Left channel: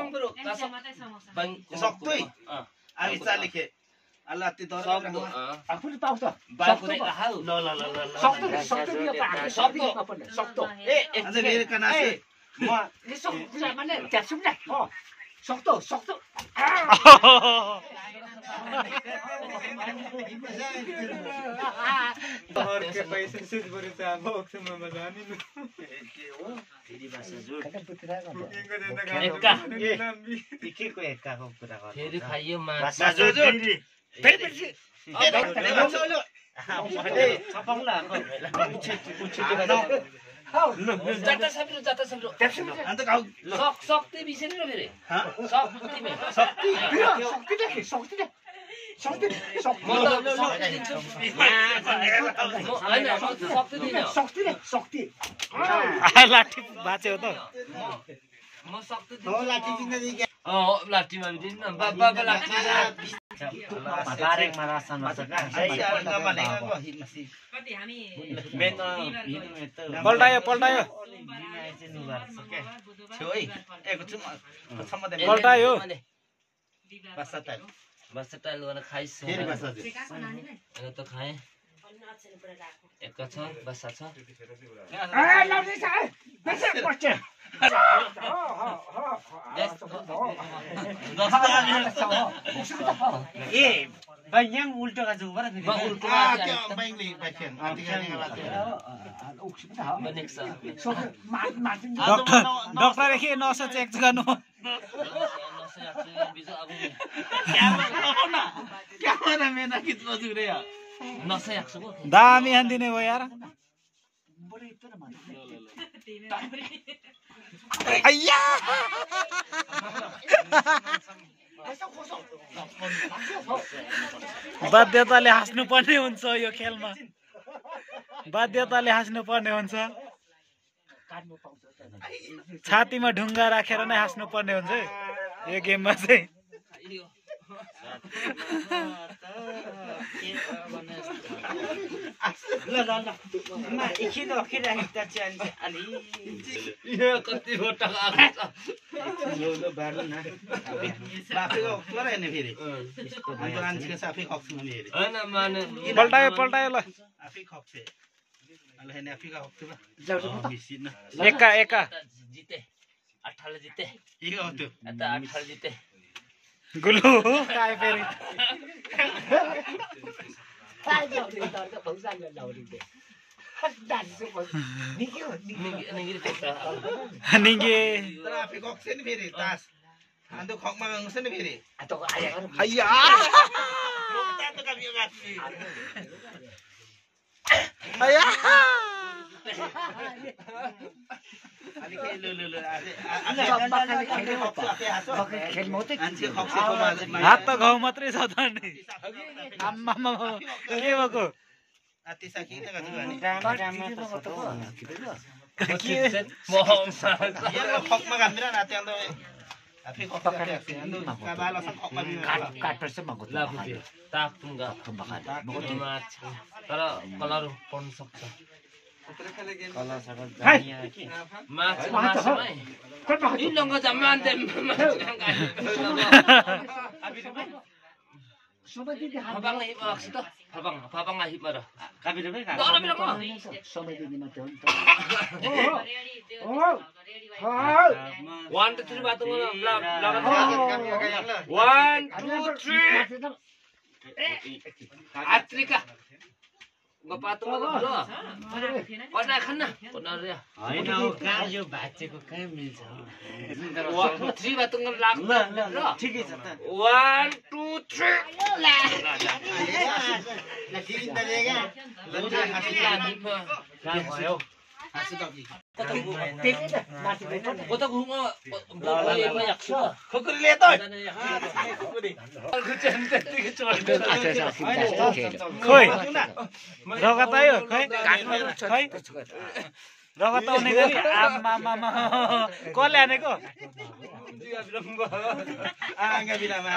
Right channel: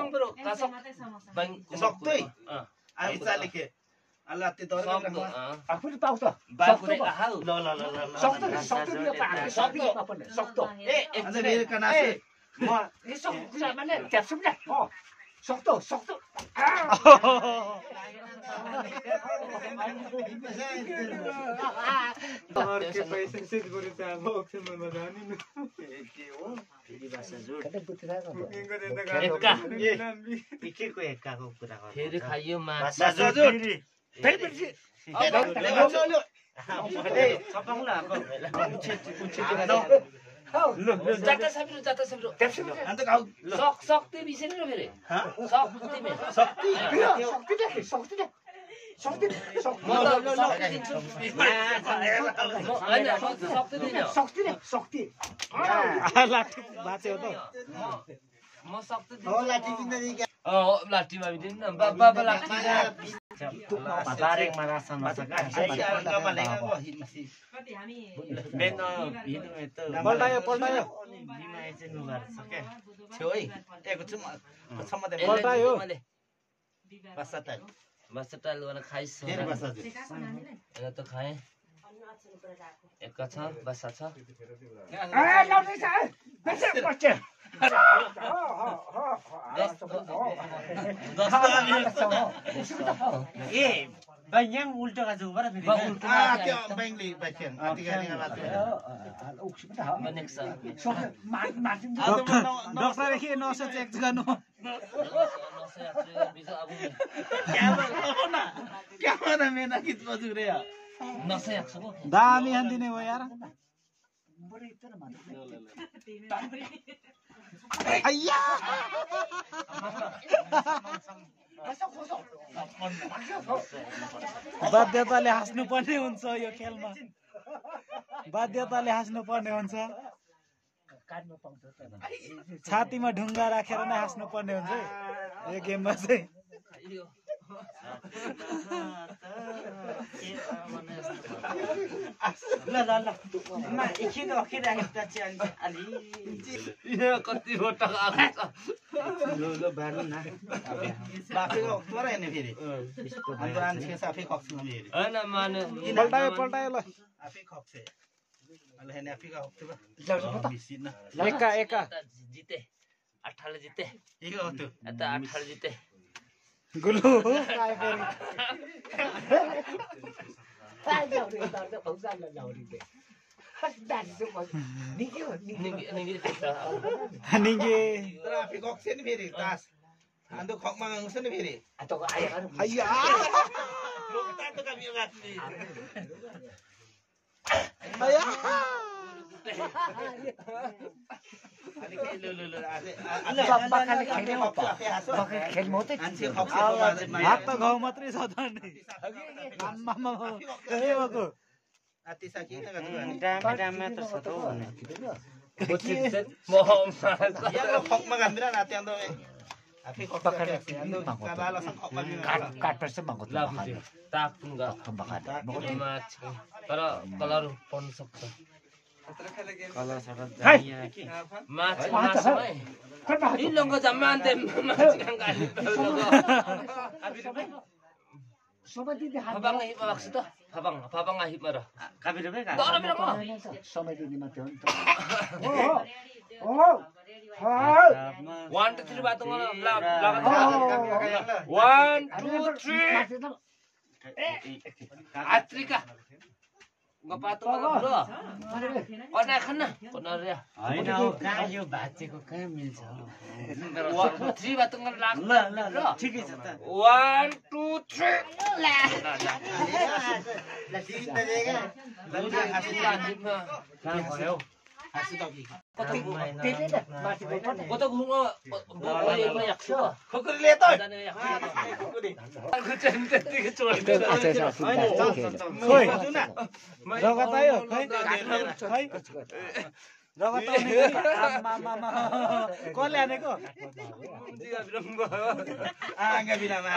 bang bro, kasok. Bang Soktoi. Ai salike. Allah ti dor. आफूले पाउँछ Bago na kahal. सक्तो सक्तो दियो सक्तो सक्तो अझ मेरो कनासे म यसो कुरा माने क्याप्सुम न सक्तो सक्तो और के पैसे सिर्फ बरु त अब ओक्सममा जानी न के हो फेरि भाषा जोड कुकिङको जता एक्का। एकेको एक्काको कुरा गर्नु फेरि खाइयो माछ। भाषा जोड फेरि छपाउला जाता सब्रो। अन्त खाऊ सक्ते बिसेन र फेरि। सक्ते मे। शक्ति सक्ति म त सक्ते दिन्छु। हैन सक्ते दिन। सक्ति लाठी बाँच्यो त म सक्ते दिन्छु। हो लाठी किन दिए लाठीमा बिदिन न। बाबा लाठी बारेङमा रासन छ का कति हामी मेन हिनु त पल्टायो छ्यो है एकछिन सम्म दे पल्टायो बस्ता टाइम बस टाइल गर्न खाइस। फेरि बस्ता दे अहिले त खाएँ। एक छ बसा छ। ए bayang ulto ka juga Ba ulto ah kya bayang li bachen next doctor के नस चेक गर्नु क्यामेराम्यान गीत बजु रे नसै आक्छ को दामी हान्दिने हो यार अय्या बाध्यताले हाँस्नु पर्ने हुन्छ यो खेलमा बाध्यताले हाँस्नु पर्ने हुन्छ छातीमा ढुङ्गा राखेर नै हाँस्नु पर्ने हुन्छ यो गेममा चाहिँ ल मा एकछिन अखिराखेको छ अलि यो कति गोटा आएको ल बार्नु न बाफेको कुरा हैन फेरि यसको मान्छेको साफै खक्छु म हेरे हैन माने पल्टायो ल आफै खक्छे अहिले हैन आफै खक्छु बिसिन एका जिते 18 जिते के हो त्यो आता 18 जिते गुलु काय फेरि निगे तर आफै खक्छे नि फेरि तास अन्त खकमा गाउँछ नि फेरि हैया तातो काबियो गाछी हैया अनि के ल हात त घाउ मात्रै छ त नि आम्मामा के भएको आतिसा के न गाछी यार खकमा गाम्बिरा नाते अन्त आफै खक्छ अन्त काबाला सब खकमा लाफुते ताकुंगा माछ तर कलर पर्न सक्छ कलर सकल माछ माछमै इ लंगा जम्मान दे सबै दिदी फबाङ हि बलक्स त फबाङ हि मर काबिरो के सबै दिदी मात्र हो नि त 1 2 3 बात लगान 1 2 3 आत्रिका गपातो ब्रो अना खाना कोना रे हैन हो कहाँ यो भाचेको कहाँ मिल्छ 3 बात लाग ल ठिकै छ त 1 2 3 ल किन देगा कहाँ भयो कता घुम बोले याक्छु खुकुरीले त खोइ रगत आयो खै खै रगत आउने गरी आम्मामा कसले हानेको आँगा बिनामा